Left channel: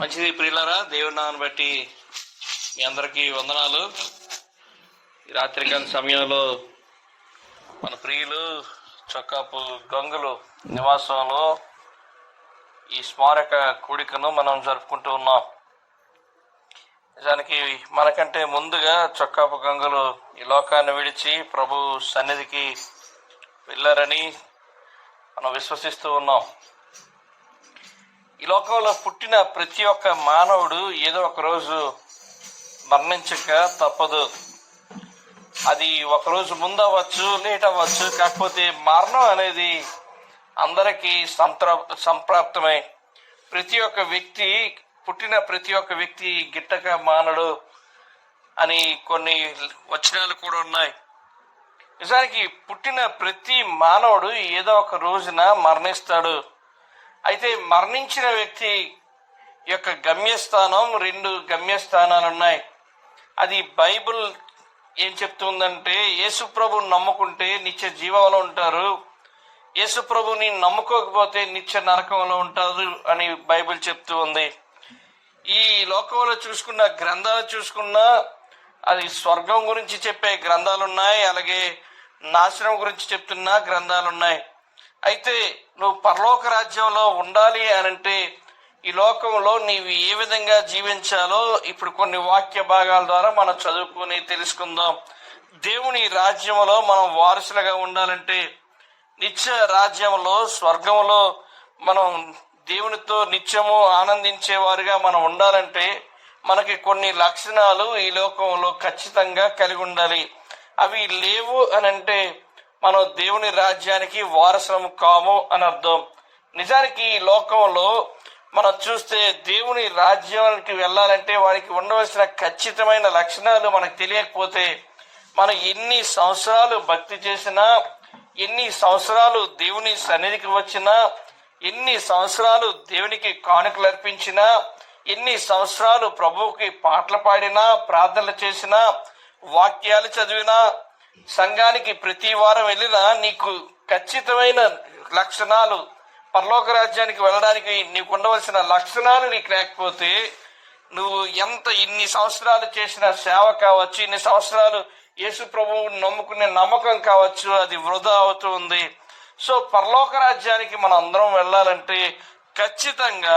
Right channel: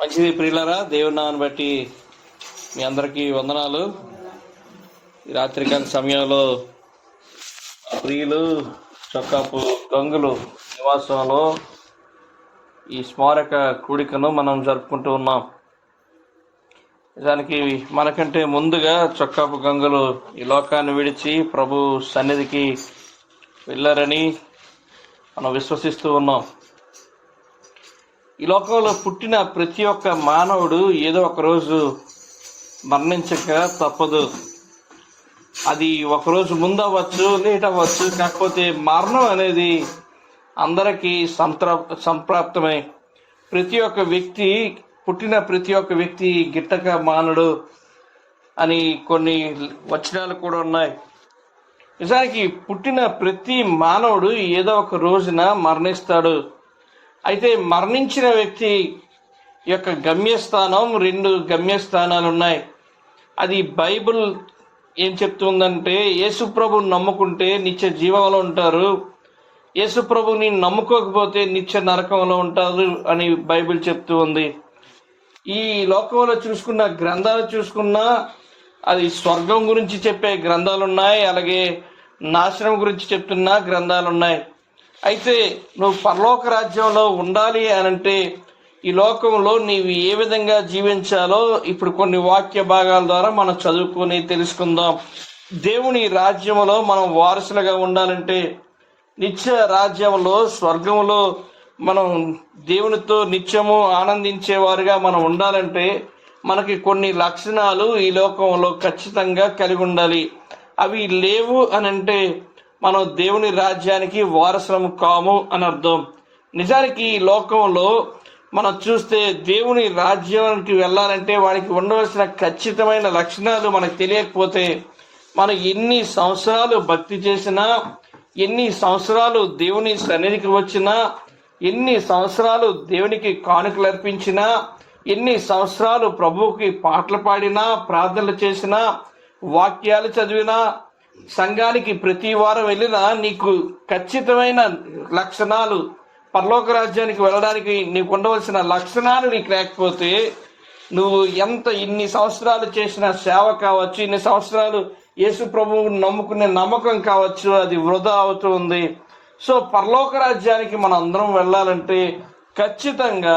మంచిది ప్రియులరా దేవుడి నామని బట్టి మీ అందరికీ వందనాలు. ఈ రాత్రికాల సమయంలో మా ప్రియులు చొక్కాపు గంగులు నివాసంలో ఈ స్మారక కూడికను మనం జరుపుకుంటూ ఉన్నాం. నిజానికి మనకంటే ముందుగా చొక్కాపు గంగులు ఈ లోకాన్ని విడిచి ప్రభు సన్నిధికి వెళ్ళారని మనం విశ్వసిస్తూ ఉన్నాం. ఈ లోకంలో పుట్టిన ప్రతి ఒక్క మానవుడు ఏదో ఒక రోజు మరణించక తప్పదు. అది ఒకరోజు ముందు అవ్వచ్చు లేట్ అవ్వచ్చు కాకపోతే మరణం అనేది అందరికీ సంప్రా సంప్రాప్తమే. ప్రతి ఒక్క వ్యక్తి పుట్టిన ప్రతి ఒక్క వ్యక్తి గిట్టక మానడు అని కొన్ని వచనాలు కూడా ఉన్నాయి. నిజానికి పుట్టిన ప్రతి మానవుడు ఏదో ఒక రోజున మరణిస్తాడు. అయితే మరణించిన వ్యక్తి యొక్క గమ్యస్థానం రెండు గమ్యస్థానాలు ఉన్నాయి. అది బైబిల్ ఏం చెప్తుందంటే యేసుప్రభుని నమ్ముకుంటే నిత్య జీవంలో ఉంటారు. యేసుప్రభుని నమ్ముకోకపోతే నిత్య నరకంలో ఉంటారు అని బైబిల్ చెప్తూ ఉంది. ఈ లోకంలో చూసుకున్న గ్రంథాలు చూసుకున్నా అది స్వర్గం గురించి చెప్పే గ్రంథాలు ఉన్నాయి. అలాగే నాశనం గురించి చెప్తున్న గ్రంథాలు ఉన్నాయి. అయితే నువ్వు పరలోక రాజ్యంలో ఉండాలి అని అంటే ఈ లోకంలో నీవు ఏ విధంగా జీవించాలో ఇప్పుడు కొన్ని వాక్య భాగాల ద్వారా మనం చదువుకొని తెలుసుకుందాం. దేవుని రాజ్యంలో మనం వారసులుగా ఉండాలంటే నిత్య రాజ్యంలో స్వర్గంలో మనం దేవునితో నిత్యము ఆనందించేవారుగా మనం ఉండాలంటే మనకి కొన్ని లక్షణాలు ఈ లోకంలో ఖచ్చితంగా కలిగి ఉండాలి. అవి లేవు అని అంటే మనం దేవుని రాజ్యానికి వారసులం కాము అని అర్థం. నిజానికి ఈ లోకంలో మనం చూస్తే దేవుని రాజ్యానికి వెళ్ళాలంటే వారికి ఉండవలసిన ఖచ్చితమైన లక్షణాలు మనకు తెలియకపోతే మనం ఎన్ని సంవత్సరాలు భక్తి చేసినా ఎన్ని సంవత్సరాలు దేవుని సన్నిధికి వచ్చినా ఎన్ని సంవత్సరాలు దేవునికి కానుకలు అర్పించినా ఎన్ని సంవత్సరాలు ప్రభువుకి పాటలు పాడినా ప్రార్థనలు చేసినా వాక్యాలు చదివినా సంఘానికి ప్రతి వారం వెళ్ళినా నీకు ఖచ్చితమైన లక్షణాలు పరలోక రాజ్యానికి వెళ్ళడానికి నీకు ఉండవలసిన లక్షణాలు నీకు లేకపోతే నువ్వు ఎంత ఇన్ని సంవత్సరాలు చేసిన సేవ కావచ్చు ఇన్ని సంవత్సరాలు యేసు ప్రభువుని నమ్ముకునే నమ్మకం కావచ్చు అది వృధా అవుతుంది సో పరలోక రాజ్యానికి మనం అందరం వెళ్ళాలంటే ఖచ్చితంగా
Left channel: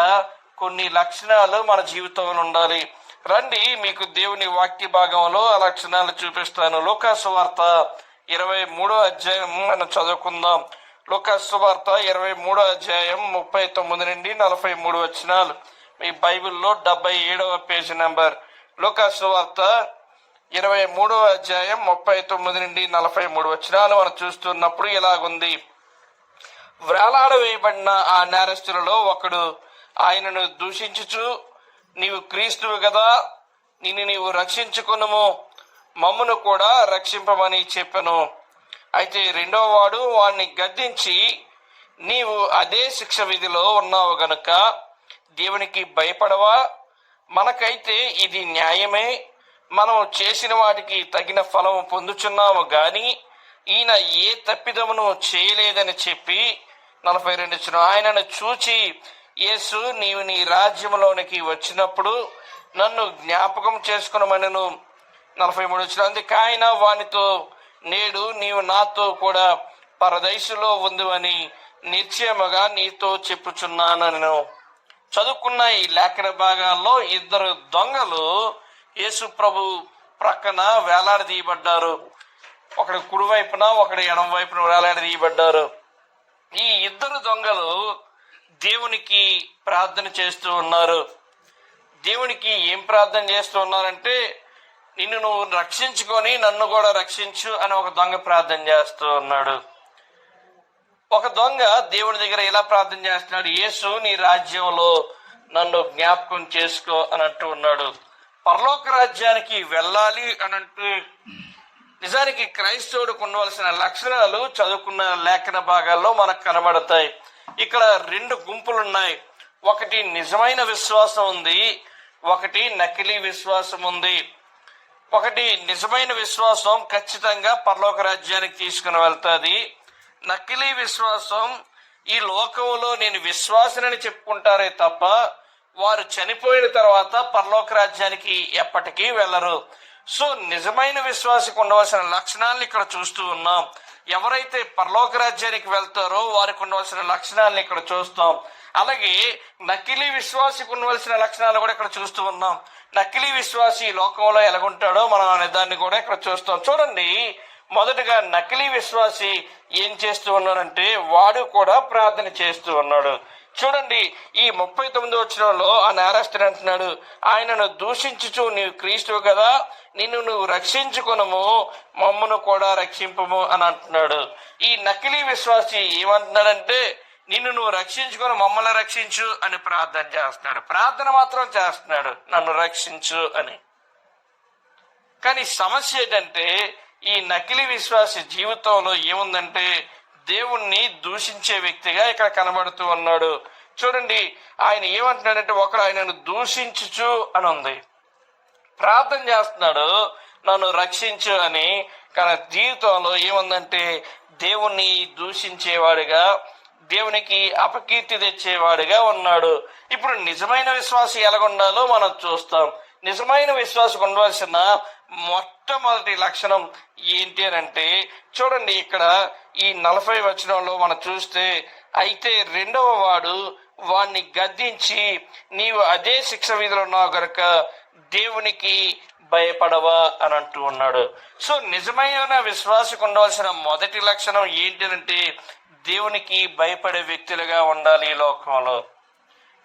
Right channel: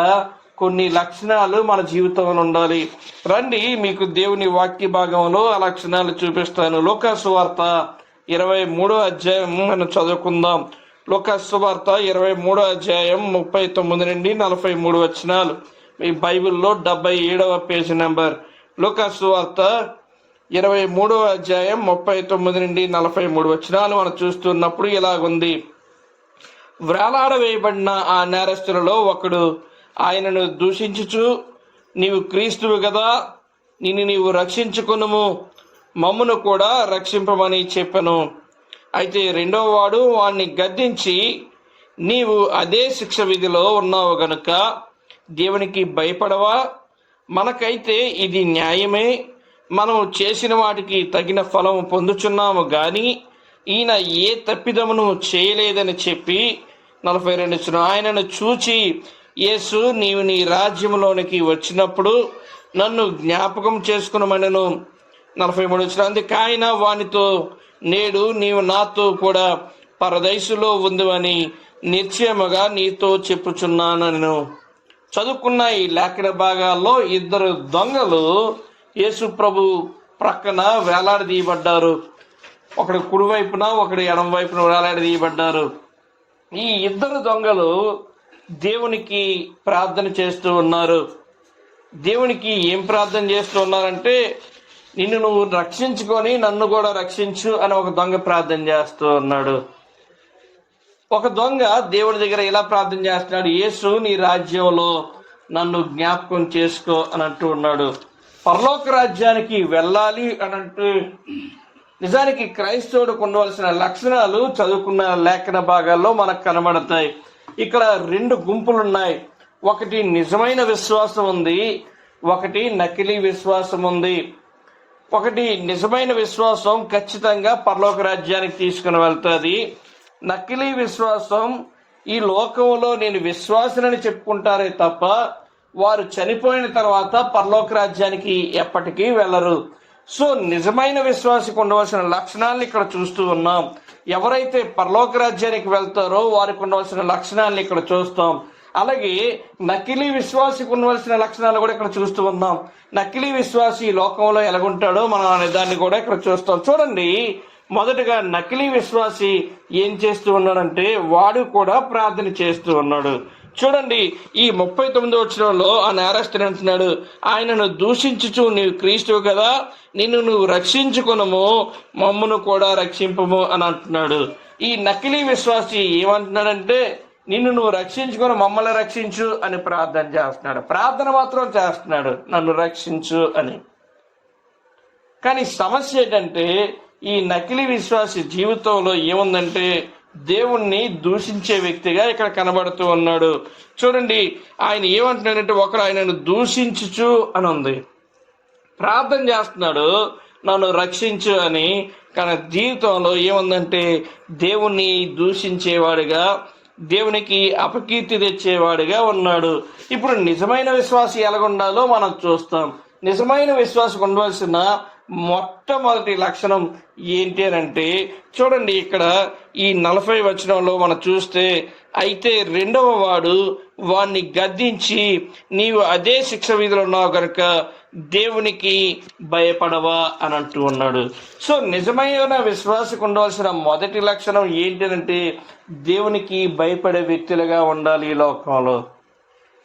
కొన్ని లక్షణాలు మన జీవితంలో ఉండాలి. రండి మీకు దేవుని వాక్య భాగంలో ఆ లక్షణాలు చూపిస్తాను. లోకాసువార్త ఇరవై మూడో అధ్యాయం మనం చదువుకుందాం. లోకాసువార్త ఇరవై మూడో అధ్యాయం ముప్పై తొమ్మిది నుండి నలభై మూడు వచనాలు. మీ బైబిల్లో డెబ్బై ఏడవ పేజీ నెంబర్. లోకాసువార్త ఇరవై మూడవ అధ్యాయం ముప్పై తొమ్మిది నుండి నలభై మూడు వచనాలు మనం చూస్తున్నప్పుడు ఇలాగుంది. వేయబడిన ఆ నేరస్తులలో ఒకడు ఆయనను దూషించుచు నీవు క్రీస్తువు కదా నిన్ను నీవు రక్షించుకునము. మమ్మును కూడా రక్షింపమని చెప్పను. అయితే రెండవ వాడు వాణ్ణి గద్దించి నీవు అదే శిక్ష విధిలో ఉన్నావు గనుక దేవునికి భయపడవా? మనకైతే ఇది న్యాయమే. మనం చేసిన వాటికి తగిన ఫలం పొందుచున్నాము గాని ఈయన ఏ తప్పిదమును చేయలేదని చెప్పి నలభై రెండు ఆయనను చూచి యేసు నీవు నీ రాజ్యంలోనికి వచ్చినప్పుడు నన్ను జ్ఞాపకం చేసుకునమనను. నలభై మూడు వచ్చిన అందుకు ఆయన వానితో నేడు నీవు నాతో కూడా పరదైసులో ఉందివని నిశ్చయముగా నీతో చెప్పుచున్నానను చదువుకున్న ఈ లేఖన భాగాల్లో ఇద్దరు దొంగలు యేసు ప్రభు ప్రక్కన వేలాడదీయబడ్డారు ఒకడు కుడివైపున ఒకడు ఎడమ వైపున వేలాడదీయబడ్డారు ఈ ఇద్దరు దొంగలు దేవునికి ప్రార్థన చేస్తూ ఉన్నారు. దేవునికి ఏం ప్రార్థన చేస్తూ ఉన్నారంటే నిన్ను నువ్వు రక్షించుకొని నన్ను కూడా రక్షించు అని ఒక దొంగ ప్రార్థన చేస్తూ ఉన్నాడు. ఒక దొంగ దేవుడి దగ్గర ఇలా ప్రార్థన చేస్తున్నాడు? యేసు నీ రాజ్యంలో నన్ను జ్ఞాపకం చేసుకో అని అంటూ ఉన్నాడు. పరలోక రాజ్యానికి వెళ్ళాలి అని అంటే నిజానికి క్రైస్తవుడికి ఉండవలసిన లక్షణాలు చదువుకున్న లేఖన భాగాల్లో మనకు కనబడతాయి. ఇక్కడ రెండు గుంపులు ఉన్నాయి ఒకటి నిజమైన విశ్వాసం ఉంది ఒకటి నకిలీ విశ్వాసం ఉంది. ఒకటి నిజమైన విశ్వాసం ఖచ్చితంగా పరలోక రాజ్యానికి తీసుకుని వెళ్తుంది. నకిలీ విశ్వాసం ఈ లోకంలో నేను విశ్వాసనని చెప్పుకుంటారే తప్ప వారు చనిపోయిన తర్వాత పరలోక రాజ్యానికి ఎప్పటికీ వెళ్ళరు. సో నిజమైన విశ్వాసకు ఉండవలసిన లక్షణాలను ఇక్కడ చూస్తూ ఉన్నాం. ఎవరైతే పరలోక రాజ్యానికి వెళ్తారో వారికి ఉండవలసిన లక్షణాలను ఇక్కడ చూస్తాం. అలాగే నకిలీ విశ్వాసికి ఉండవలసిన లక్షణాలు కూడా ఇక్కడ చూస్తూ ఉన్నాం. నకిలీ విశ్వాసి ఈ లోకంలో ఎలాగుంటాడో మనం అనే దాన్ని కూడా ఇక్కడ చూస్తాం. చూడండి మొదటగా నకిలీ విశ్వాసి ఏం చేస్తూ ఉన్నాడంటే వాడు కూడా ప్రార్థన చేస్తూ ఉన్నాడు. చూడండి ఈ ముప్పై తొమ్మిదో వచ్చినంలో ఆ నేరస్తుడు అంటున్నాడు ఆయనను దూషించుచు నీవు క్రీస్తువు కదా నిన్ను నువ్వు రక్షించుకునము మమ్మను కూడా రక్షింపము అని అంటున్నాడు. ఈ నకిలీ విశ్వాసి ఏమంటున్నాడంటే నిన్ను నువ్వు రక్షించుకొని మమ్మల్ని రక్షించు అని ప్రార్థన చేస్తున్నాడు. ప్రార్థన మాత్రం చేస్తున్నాడు నన్ను రక్షించు అని. కానీ సమస్య ఏంటంటే ఈ నకిలీ విశ్వాసి జీవితంలో ఏముందంటే దేవుణ్ణి దూషించే వ్యక్తిగా ఇక్కడ కనబడుతూ ఉన్నాడు. చూడండి ఆయన ఏమంటున్నాడంటే ఒకరు ఆయనను దూషించుచు అని ఉంది. ప్రార్థన చేస్తున్నాడు నన్ను రక్షించు అని. కానీ జీవితంలో ఏముందంటే దేవుణ్ణి దూషించేవాడిగా దేవునికి అపకీర్తి తెచ్చేవాడిగా ఉన్నాడు. ఇప్పుడు నిజమైన విశ్వాసం ఎలాగుండాలో మనం చూస్తాం. నిజమైన విశ్వాసం ఉండవలసిన మొట్టమొదటి లక్షణం ఏంటి అని అంటే చూడండి ఇక్కడ ఈ నలభై వచనంలో మనం చూస్తే అయితే రెండవ వాడు వాణ్ణి గద్దించి నీవు అదే శిక్ష విధిలో ఉన్నావు కనుక దేవునికి భయపడవా అని అంటూ ఉన్నాడు. సో నిజమైన విశ్వాసకు ఉండవలసిన మొదటి లక్షణం ఏంటంటే దేవునికి భయపడే వ్యక్తులుగా ఉండాలి ఈ లోకంలో.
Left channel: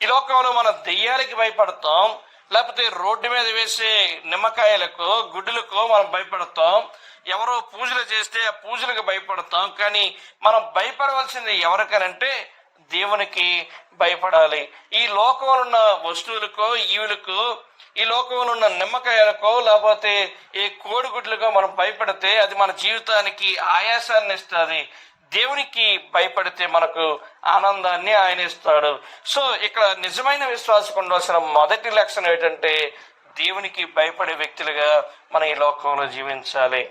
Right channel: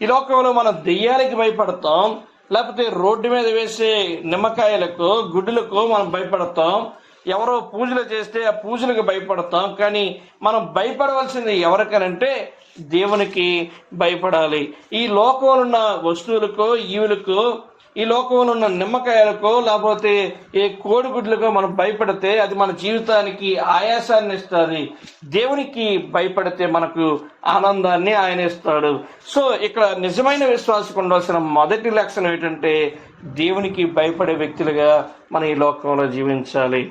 ఈ లోకంలో మనం దెయ్యాలకి భయపడతాం లేకపోతే రోడ్డు మీద వేసే నిమ్మకాయలకు గుడ్డులకు మనం భయపడతాం. ఎవరో పూజలు చేస్తే ఆ పూజలకు భయపడతాం. కానీ మనం భయపడవలసింది ఎవరికనంటే దేవునికి భయపడాలి. ఈ లోకంలో ఉన్న వస్తువులకు ఈవులకు ఈ లోకంలో ఉన్న నిమ్మకాయలకు లేకపోతే ఏ కోడిగుడ్లకు మనం భయపడితే అది మన జీవితానికి ఆయాసాన్ని ఇస్తుంది. దేవునికి భయపడితే మనకు ఆనందాన్ని ఆయన ఇస్తాడు. సో ఇక్కడ నిజమైన విశ్వాసం ఉండవలసిన మొదటి లక్షణం ఏంటంటే దేవునికి భయపడే వ్యక్తులుగా మనం ఈ లోకంలో జీవించాలి.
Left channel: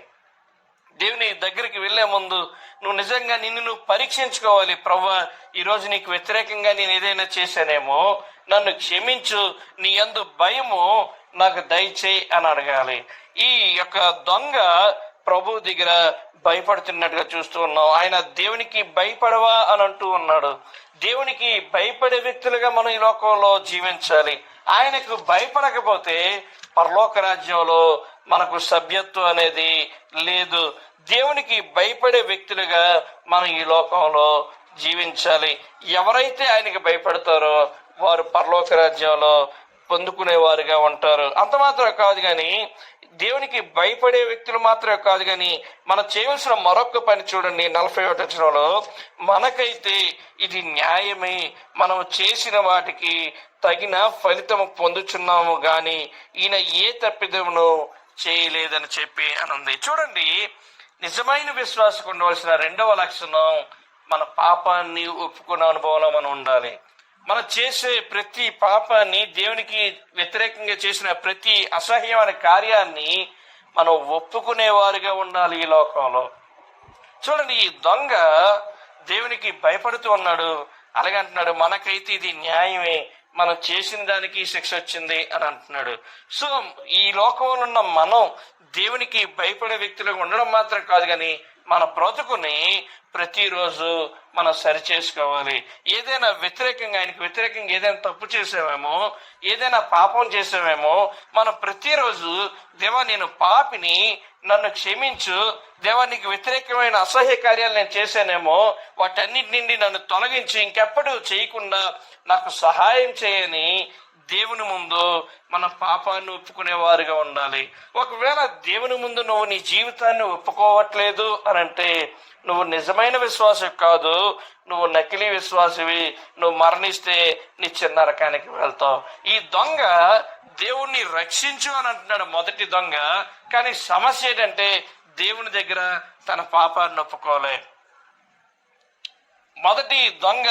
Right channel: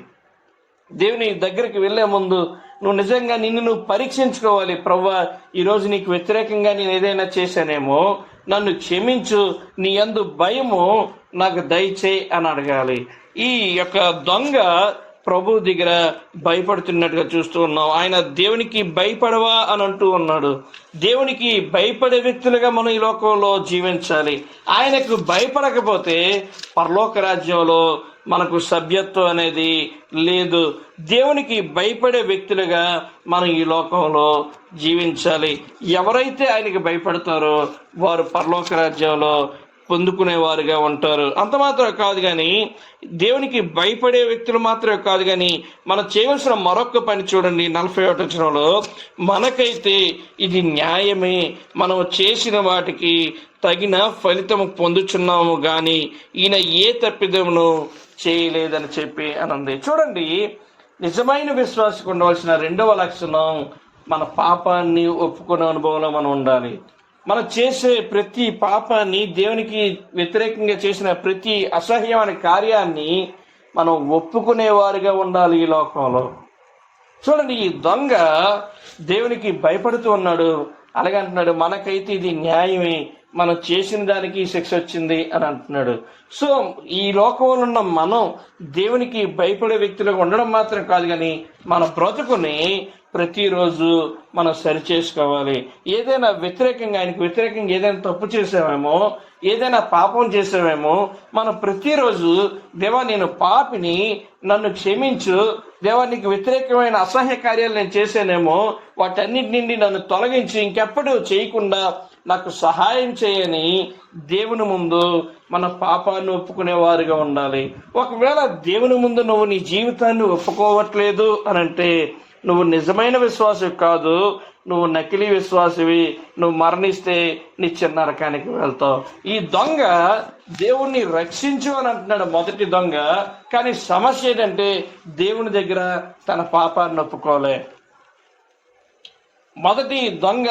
దేవుని దగ్గరికి వెళ్ళే ముందు నువ్వు నిజంగా నిన్ను నువ్వు పరీక్షించుకోవాలి ప్రవ్వా. ఈరోజు నీకు వ్యతిరేకంగా నేను ఏదైనా చేశానేమో నన్ను క్షమించు నీ అందు భయము నాకు దయచేయి అని అడగాలి. ఈ యొక్క దొంగ ప్రభు దగ్గర భయపడుతున్నట్టుగా చూస్తూ ఉన్నాం. ఆయన దేవునికి భయపడవా అని అంటూ ఉన్నాడు. దేవునికి భయపడే వ్యక్తులుగా మనం ఈ లోకంలో జీవించాలి. ఆయనకు భయపడకపోతే పరలోక రాజ్యంలో మనకు సభ్యత్వం అనేది లేదు. దేవునికి భయపడే వ్యక్తులుగా మనం ఈ లోకంలో జీవించాలి. ఎవరైతే ఆయనకి భయపడతారో వారు పరలోక రాజ్యంలో పొందుకునేవారుగా ఉంటారు. అంత మాత్రం కాదు కానీ దేవునికి భయపడే వ్యక్తులు మాత్రమే కాదు కానీ మనం చేయవలసిన మరొక పని చూడండి. నలభై ఒకటి మనకైతే ఇది న్యాయమే. మనం చేసిన వాటికి తగిన ఫలితం పొందుచున్నాము కానీ ఈయన ఏ తప్పిదమును చేయలేదని చెప్పి అనంది. చూడండి నిజమైన విశ్వాసకు ఉండవలసిన రెండవ లక్షణం మన పాపాన్ని ఒప్పుకునే అనుభవంలో మనం ఉండాలి. మనం చేసే ప్రతి పాపాన్ని దేవునికి వ్యతిరేకంగా చేసిన ప్రతి అసహ్యమైన కార్యాన్ని మనం ఒప్పుకునేవారుగా ఉండాలి ఈ లోకంలో. చూడండి ఈ దొంగ దేవునికి భయపడుతూ ఉన్నాడు. అలాగే అంటున్నాడు మనకైతే ఇది న్యాయమే. మనం చేసిన దానికి శిక్ష వచ్చింది అని అంటున్నాడు. సో ఈ లోకంలో ఉన్న మనం దేవునికి భయపడే వ్యక్తులుగా ఉండడం మాత్రం కాదు కానీ మన బ్రతుకుని ప్రతిరోజు మనం సరి చేసుకోవాలి ఏదైనా వ్యతిరేకంగా ఆయనకు వ్యతిరేకంగా ఏదైనా తప్పు చేసామేమో ఏదైనా పాపం చేసామేమో మనం ప్రతిరోజు దేవా నేను పాపిని నన్ను క్షమించు దేవా నీకు వ్యతిరేకమైన అసహ్య కార్యాలు నేను చేశానేమో వాటన్నిటి నుండి నన్ను తొలగించి ఇంకెప్పుడు చేయకుండా నాకు సహాయం చేయని దేవుని ముందు మన పాపాన్ని ఒప్పుకునేవారుగా ఉండాలి. ఒకవేళ దేవుని ముందు నువ్వు నీ జీవితాన్ని ఒప్పుకోవట్లేదు అని అంటే నువ్వు నిజమైన విశ్వాసం కాదు నువ్వు నకిలీ విశ్వాసవి నువ్వు మరణిస్తే నీ చిన్న రకానికి వెళ్తావు. ఈ దొంగ దేవుణ్ణి రక్షించు అని అంటున్నాడు మొదటి దొంగ కానీ సమస్య ఏంటంటే దేవుని దగ్గర తన పాపాన్ని ఒప్పుకోలే. మొదటి దొంగ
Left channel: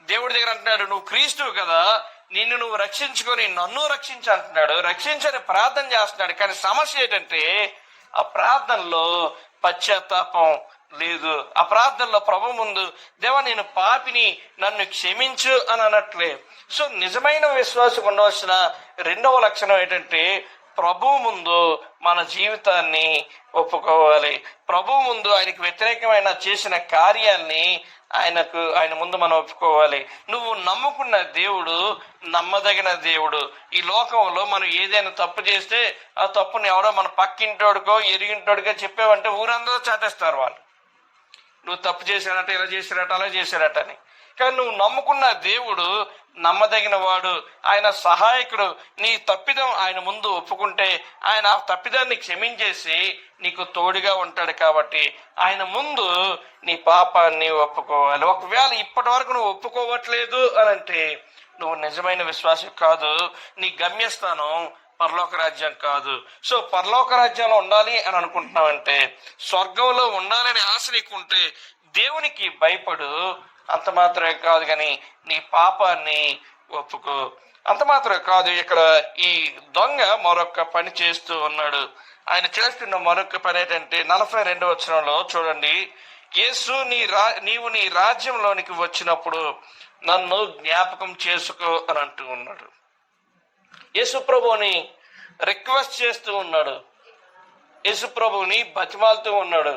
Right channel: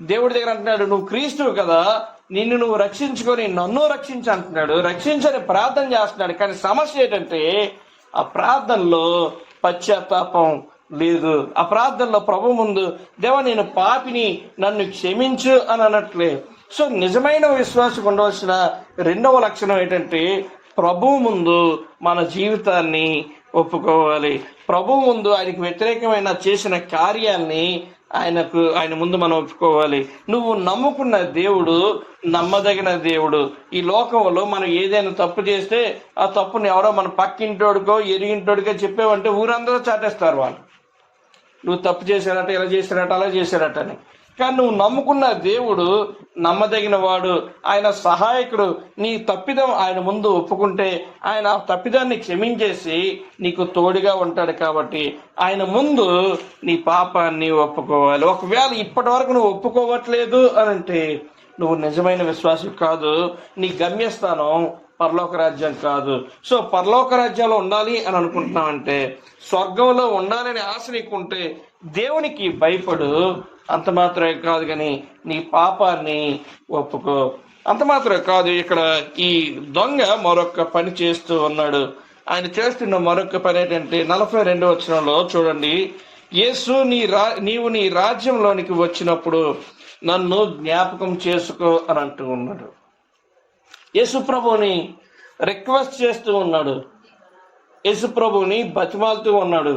దేవుడి దగ్గర అంటున్నాడు నువ్వు క్రీస్తువు కదా నిన్ను నువ్వు రక్షించుకొని నన్ను రక్షించు అంటున్నాడు. రక్షించని ప్రార్థన చేస్తున్నాడు. కానీ సమస్య ఏంటంటే ఆ ప్రార్థనలో పశ్చాత్తాపం లేదు. ఆ ప్రార్థనలో ప్రభు ముందు దేవ నేను పాపిని నన్ను క్షమించు అని అనట్లే. సో నిజమైన విశ్వాసం ఉండవలసిన రెండవ లక్షణం ఏంటంటే ప్రభు ముందు మన జీవితాన్ని ఒప్పుకోవాలి. ప్రభు ముందు ఆయనకు వ్యతిరేకమైన చేసిన కార్యాన్ని ఆయనకు ఆయన ముందు మనం ఒప్పుకోవాలి. నువ్వు నమ్ముకున్న దేవుడు నమ్మదగిన దేవుడు. ఈ లోకంలో మనం ఏదైనా తప్పు చేస్తే ఆ తప్పుని ఎవరో మన పక్కింటోడికో ఎరిగింటోడికో చెప్పావంటే ఊరందరూ చాటేస్తారు వాళ్ళు. నువ్వు తప్పు చేశారట ఇలా చేశారట అలా చేశారట అని. కానీ నువ్వు నమ్ముకున్న దేవుడు నమ్మదగిన వాడు ఆయన సహాయకుడు నీ తప్పిదం ఆయన ముందు ఒప్పుకుంటే ఆయన ఆ తప్పిదాన్ని క్షమించేసి నీకు తోడుగా ఉంటాడు కాబట్టి ఆయన ముందు నీ పాపాన్ని ఒప్పుకోవాలి. ఒకవేళ ఇప్పటి వరకు నువ్వు ఒప్పుకోవట్లేదు అని అంటే నువ్వు నిజమైన విశ్వాసం కాదు. నీ గమ్యస్థానం పరలోక రాజ్యం కాదు. సో పరలోక రాజ్యంలో ఉండాలి అని అనుకుంటున్నావంటే స్వర్గంలో ఉండాలనే ఆశ నీకుంటే దేవునికి భయపడు. అంత మాత్రమే కాదు కానీ నీ పాపాన్ని ఒప్పుకో. అంత మాత్రమే కాదు ఇక్కడ ఈ దొంగ మరొక పని చేస్తూ ఉన్నాడు. ఆయన చేస్తున్న మరొక పని ఏంటంటే నలభై రెండు వచనంలో చూడండి. యేసు నీ రా నీవు నీ రాజ్యంలోనికి వచ్చినప్పుడు నన్ను జ్ఞాపకం చేసుకో అని అంటూ ఉన్నాడు. యేసుప్రభుని రిక్వెస్ట్ చేస్తూ ఉన్నాడు. యేసుప్రభుని బతిమాలుతూ ఉన్నాడు.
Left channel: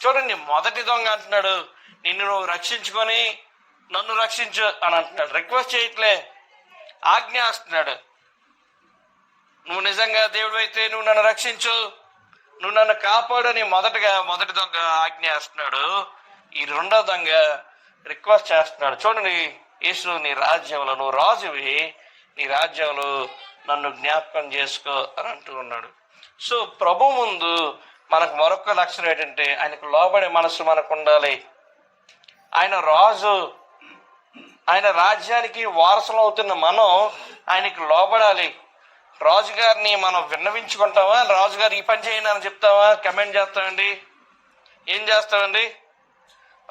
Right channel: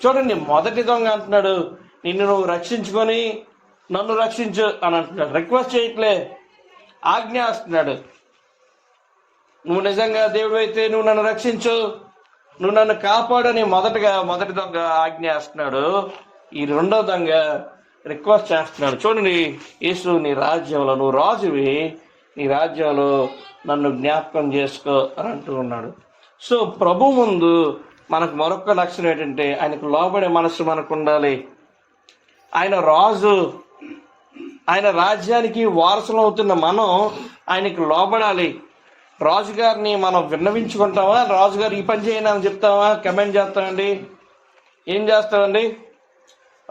చూడండి మొదటి దొంగ అంటున్నాడు నిన్ను నువ్వు రక్షించుకొని నన్ను రక్షించు అని అంటున్నాడు. రిక్వెస్ట్ చేయట్లే ఆజ్ఞాస్తున్నాడు నువ్వు నిజంగా దేవుడు అయితే నువ్వు నన్ను రక్షించు నువ్వు నన్ను కాపాడని మొదటగా మొదటి దొంగ ఆజ్ఞాస్తున్నాడు ఈ రెండో దొంగ రిక్వెస్ట్ చేస్తున్నాడు. చూడండి యేసు నీ రాజ్యంలో నువ్వు రాజువి నీ రాజ్యాలు నన్ను జ్ఞాపకం చేసుకో అని అంటూ ఉన్నాడు. సో ప్రభు ముందు మనకు మరొక లక్షణం ఏంటంటే ఆయనకు లోబడే మనసు మనకు ఉండాలి. ఆయన రాజు ఆయన రాజ్యానికి వారసులు అవుతున్న మనం ఆయనకి లోబడాలి. రాజుగారిని మనం విన్నవించుకుంటామా? రాజుగారు ఈ పని చేయనని అని చెప్తావా కమెంట్ చేస్తామండి. ఏం చేస్తామండి?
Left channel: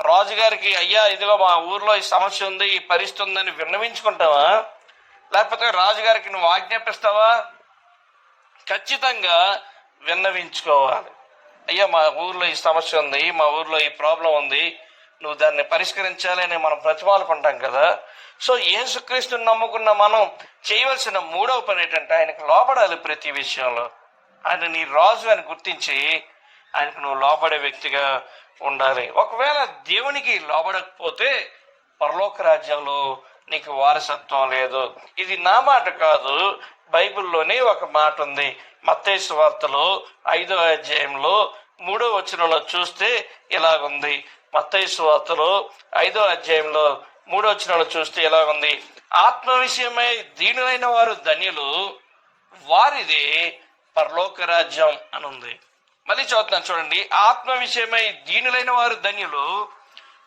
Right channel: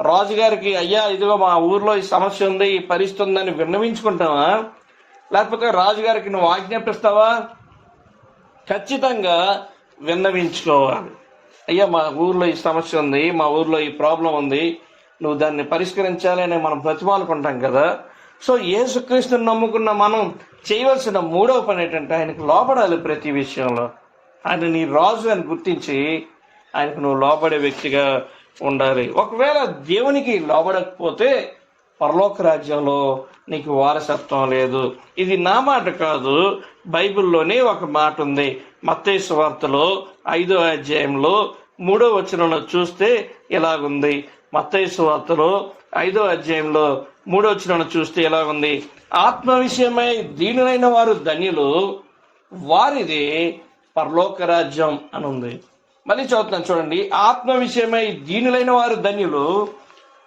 రాజుగారికి అయ్యా ఇదిగో మా ఊర్లో ఈ సమస్య ఉంది ఈ పరిస్థితి ఉందని విన్నవించుకుంటామా? లేకపోతే రాజుగారికి నువ్వు ఆజ్ఞాపిస్తావా? ఖచ్చితంగా విన్నవించుకోవాలి. అయ్యా మా ఊర్లో ఈ సమస్య ఉంది మా ఊర్లో ఈ ప్రాబ్లం ఉంది నువ్వు దాన్ని పరిష్కరించాలి అని మనం బ్రతిమాలుకుంటాం కదా. సో యేసుక్రీస్తుని నమ్ముకున్న మనం చేయవలసిన మూడవ పని ఏంటంటే ఆయనకు లోపడాలి ప్రతి విషయంలో. ఆయన నీ రాజు అని గుర్తించి ఆయనకు నువ్వు లోబడే వ్యక్తిగా ఉండాలి. ఒకవేళ దేవునికి లోబడకపోతే పరలోక రాజ్యంలో నీకు వారసత్వం లేదు. ఇది నా మాట కాదు బైబిల్లోనే ఒక మాట ఉంది. మత్తేసు వార్తలో ఐదో అధ్యాయంలో మూడో వచనంలో చూస్తే ఇలాగుంది మత్తైసు వార్తలో ఐదో అధ్యాయంలో మూడో వచనంలో చూస్తే ఇలాగుంది ఆత్మ విషయమై దీనులైన వారు ధన్యులు వారిది పరలోక రాజ్యం అని ఉంది మళ్ళీ చదువుతున్నాను చూడండి. ఆత్మ విషయమై దీనులైన వారు ధన్యులు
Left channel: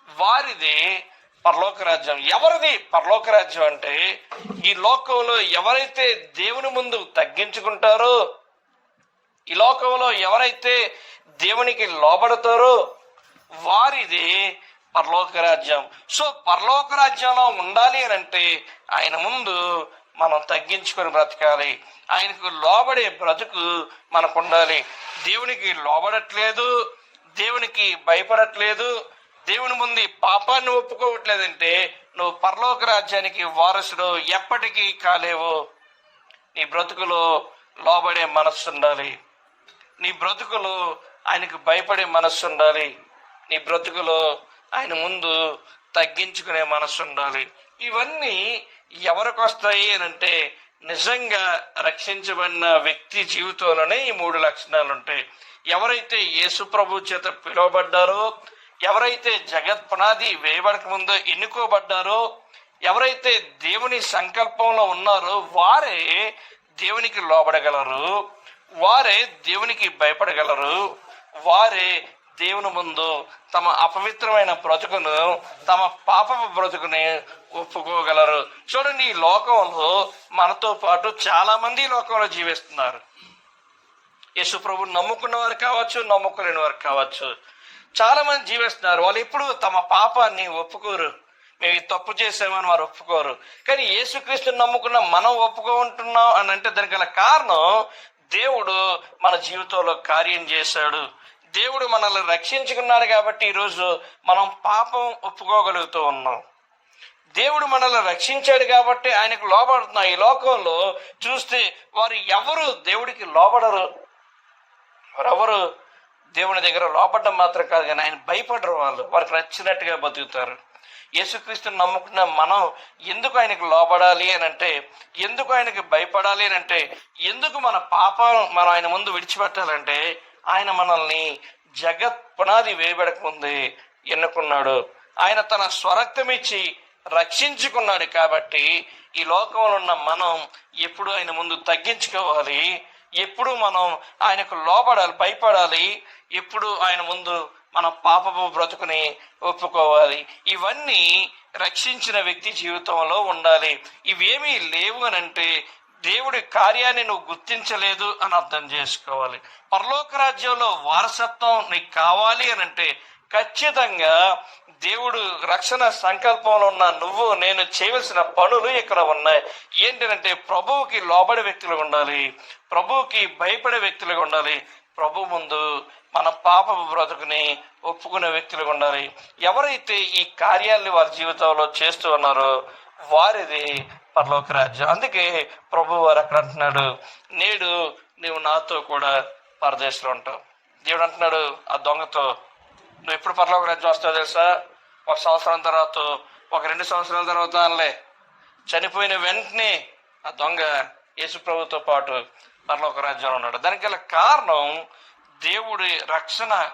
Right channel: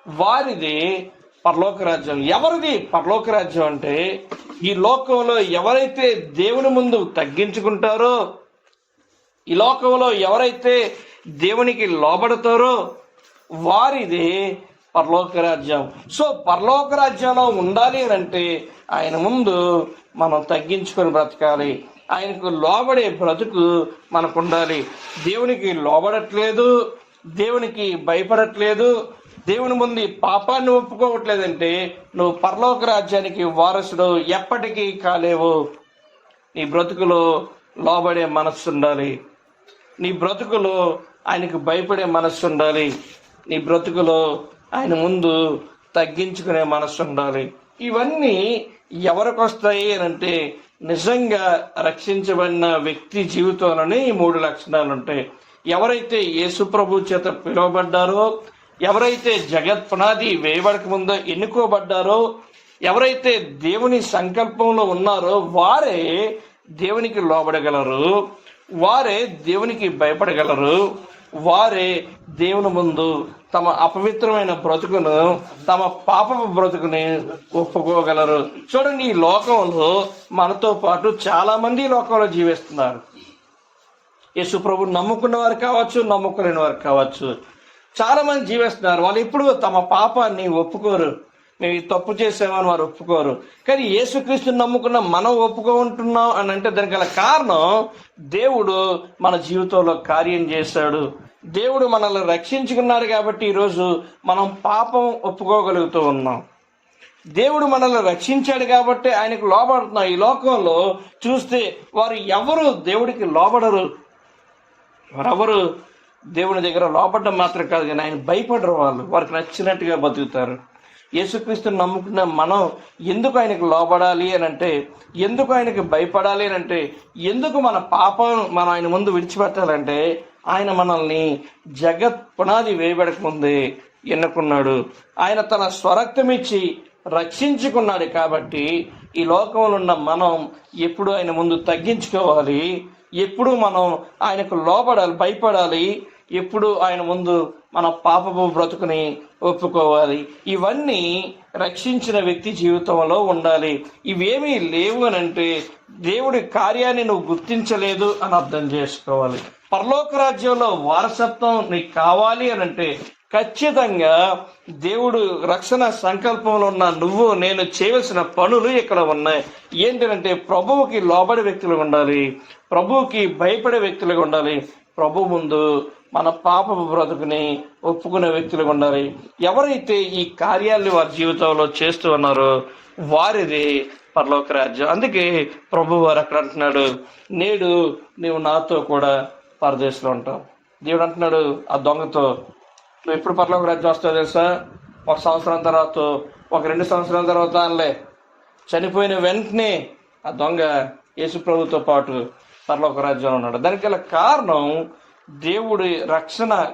వారిది పరలోక రాజ్యం ఎవరిది పరలోక రాజ్యం అంటే ఈ లోకంలో ఎవరైతే దేవుని ముందు తగ్గించుకుంటారో ఈ లోకంలో ఎవరైతే దేవునికి లోబడతారో వారిది పరలోక రాజ్యం సో పరలోక రాజ్యంలో ఉండాలి అని అంటే ఆయన ముందు మనం తగ్గించుకొని బ్రతకాలి. ఆయనకు లోబడే బ్రతుకు మనకు ఉండాలి దేవునికి లోబడట్లేదు దేవునికి భయపడట్లేదు దేవుని ముందు పాపాన్ని ఒప్పుకోవట్లేదంటే నువ్వు పరలోక రాజ్యానికి వారసుడు ఎప్పటికీ కాలేవు. నీ బ్రతుకులో లోబడే మనస్సు ఉండాలి. నీ బ్రతుకులో ఆయనకు భయపడే మనస్సు ఉండాలి. నీ బ్రతుకులో ఆయన ముందు తగ్గించుకునే మనస్సు ఉండాలి. ఇవన్నీ ఎవరికి వస్తాయి అని అంటే నిజంగా రక్షించబడిన వ్యక్తి జీవితంలోనే ఈ మూడు లక్షణాలు ఉంటాయి. ఎవరైతే యేసు ప్రభు చేత పిలువబడ్డారో ఎవరైతే జగత్ పునాది వేయబడక ముందో ఎన్నుకోబడ్డారో ఎవరైతే దేవుని సంకల్పంలో ఉన్నారో వారే దేవునికి లోబడగలరు వారే దేవునికి భయపడగలరు వారే దేవుని ముందు తమ అపవిత్రమైన బ్రతుకును తమ పాపపు బ్రతుకుని ఒప్పుకోగలరు. చూడండి ఈ లోకంలో మనతో పాటు చాలా మంది లోకంలో జీవిస్తున్నారు. యేసు ప్రభు నమ్ముకున్న వారు కావచ్చు నమ్ముకోలేని వారు కావచ్చు. చాలా మంది జీవిస్తున్నారు. వాళ్ళు ఇప్పుడు తమ పాపాన్ని ఒప్పుకోరు. మేము తప్పు చేసామని వారు ఒప్పుకోరు. కానీ యేసుక్రీస్తుని నమ్ముకున్న మనం ఒప్పుకుంటున్నాం అని అంటే దానికి గల కారణం దేవుడు మన జీవితంలో కార్యం చేశాడు. దేవుడు మనల్ని రక్షించుకున్నాడు కాబట్టి ఈరోజు మనం పాపం ఒప్పుకోగలుగుతూ ఉన్నాం. దేవుడు మనల్ని రక్షించాడు కాబట్టి ఆయనకు లోబడుతున్నాం. ఈ లోకంలో చూస్తే వారు ఎవరు దేవుడికి లోబడరు? ఎవరెవరు? దేవుని దగ్గర లోపడడం మాత్రం కాదు కానీ ఆయన భయపడరు వాళ్ళు. వారికి నచ్చినట్టుగా బతుకుతారు. యేసుక్రీస్తుని నమ్ముకున్న మనం ఎందుకు ఆయనకు లోబడాలి అని అంటే ఎందుకు ఆయనకు భయపడాలి అని అంటే ఎందుకు మన పాపం మనం ఆయన ముందు విడిచిపెట్టాలంటే ఆయన మనల్ని జగత్ పునాది వేయబడక ముందే ఎన్నుకున్నాడు. ఆయన తన స్వరక్తమిచ్చి రక్షించుకున్నాడు కాబట్టి ఈ లోకంలో ఉన్న మనం ఎప్పుడు ఆయన ముందు తగ్గించుకోవాలి. ఎప్పుడు మనం ఆయనకు లోపడాలి భయపడాలి ఎప్పుడు ఆయన ముందు మన పాపపు బ్రతుకుని ఒప్పుకోవాలి. ఇవన్నీ రక్షించిన వ్యక్తి జీవితంలో ఉండాలి. ఇవేమీ లేవు అని అంటే దేవుడి కార్యాన్ని నువ్వు గుర్తించలేదు అని అర్థం చేసుకోవాలి. పరలోక రాజ్యంలో వారసత్వం నీకు కావాలి అని అంటే ఖచ్చితంగా దేవుడు రక్షణ సంకల్పంలో ఉన్న నువ్వు నేను చేయవలసిన పనులు ఇక్కడ ఉన్నాయి. ఏంటంటే ప్రభువుకి లోబడే వ్యక్తులుగా ఉండాలి ప్రభువుకి భయపడే వ్యక్తులుగా ఉండాలి. ప్రభు ముందు మన పాప బ్రతుకుని ఒప్పుకునే వ్యక్తులుగా ఉండాలి. ఎవరైతే ఈ కార్యాలను వారి జీవితంలో చేస్తూ ఉన్నారో వారిది పరలోక రాజ్యం. అందుకే ప్రభు వారు అక్కడ అంటున్నాడు నేడు నువ్వు నాతో కూడా పరదేశంలో ఉంటావు. దేవుడు అంటున్నాడు ఆ దొంగతో నువ్వు ఎప్పుడు పరలోక రాజ్యం వస్తావు తెలుసా? ఒక సంవత్సరం తర్వాత ఒక రెండు సంవత్సరాల తర్వాత అనలే. చనిపోయిన వెంటనే ఆ దొంగ యేసు ప్రభుతో పాటు పరలోక రాజ్యంలో ఉన్నాడు. దానికి గల కారణం దేవుడి రక్షణ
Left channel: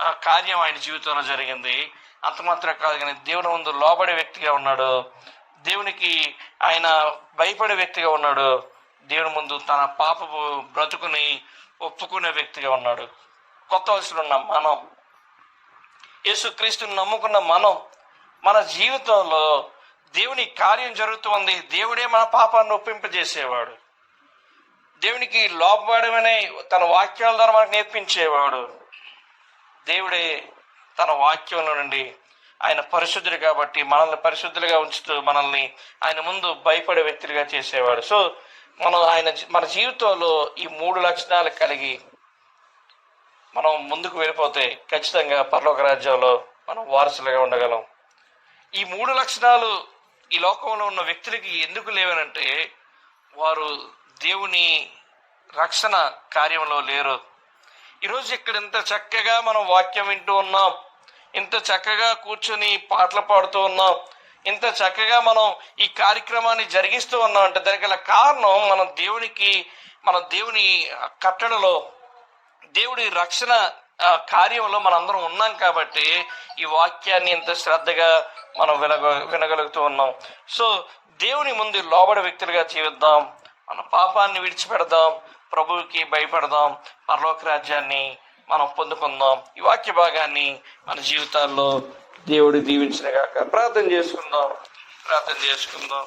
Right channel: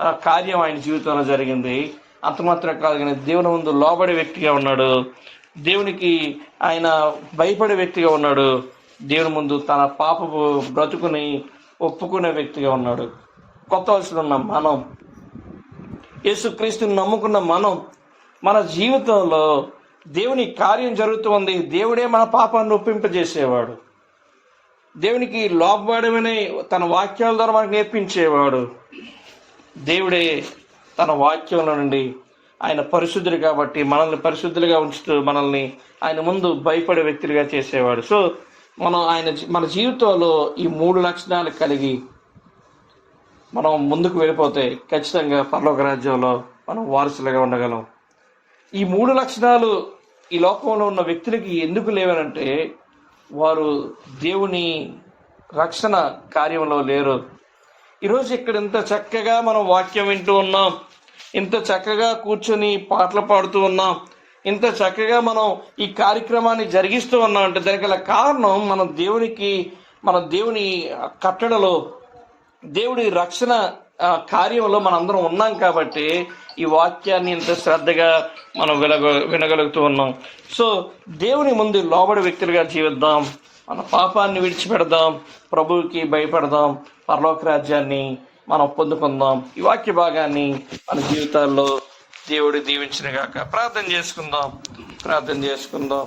కార్యం ఆయన జీవితంలో జరిగింది. అంత మాత్రం కాదు కానీ దేవుని ముందు లోబడే వ్యక్తిగా ఉన్నాడు. దేవునికి ఆయన భయపడే వ్యక్తిగా ఉన్నాడు. దేవుని ముందు తన పాపపు బ్రతుకుని ఒప్పుకునే వ్యక్తిగా ఉన్నాడు. కొత్త వయసులో ఉన్నాం మనం. యేసుక్రీస్తుని నమ్ముకున్న మనం మన జీవితంలో దేవుని కార్యం జరుగుతుంది. దేవుడే మన పాపాన్ని ఒప్పింపజేసేవాడు. దేవునికి లోపడమనే తన వాక్యాల ద్వారా మనకు నేర్పించేవాడు. దేవుడే తన వాక్యంలో నుండి ఆయన పరిశుద్ధుడు కాబట్టి మనల్ని పరిశుద్ధులుగా ఉంచుతూ మనల్ని ఆయన ముందు భయపడే వ్యక్తులుగా చేసేవాడు. సో మనం ఆయన మన జీవితంలో ఈ మూడు లక్షణాలు కలిగి మనం ముందుకు వెళ్ళిపోతే ఖచ్చితంగా పరలోక రాజ్యంలో మనం వారసులుగా ఉండగలం. ఈ మూడు లక్షణాలు ఈ లోకంలో ఉన్న వ్యక్తులకి ఎందుకు లేవనంటే వారు దేవుని రక్షణ కార్యంలో లేరు. ఈరోజు ఇక్కడ ఇంత చక్కగా మనం వాక్యం వింటూ ఉన్నాం. ఇంత చక్కగా కూర్చొని పాటలు పాడుతూ ఉన్నాం. ఇంత చక్కగా మనం ఈ కార్యక్రమాన్ని జరిగిస్తూ ఉన్నాం అంటే దానికి గల కారణం మనం దేవునికి మన దేవుని కట్టడలో దేవుడి రక్షణ కార్యంలో మనందరం ఉన్నాం కాబట్టి ఈ వాక్యాన్ని ఇంత శ్రద్ధగా మనం వినగ వినగలుగుతూ ఉన్నాం. సో దేవుని ముందు లోబడి వ్యక్తులుగా జీవిద్దాం. మన పాపాన్ని విడిచిపెడదాం. ప్రభువుకి భయపడదాం. పరలోక రాజ్యాన్ని మనం పొందుకుందాం. ఈ వాక్య భాగాన్ని మన జీవితాల్లో దేవుడు దీవించిన గాక ప్రార్థన చేసుకుందాం. ప్రార్థన చేసుకుందాం.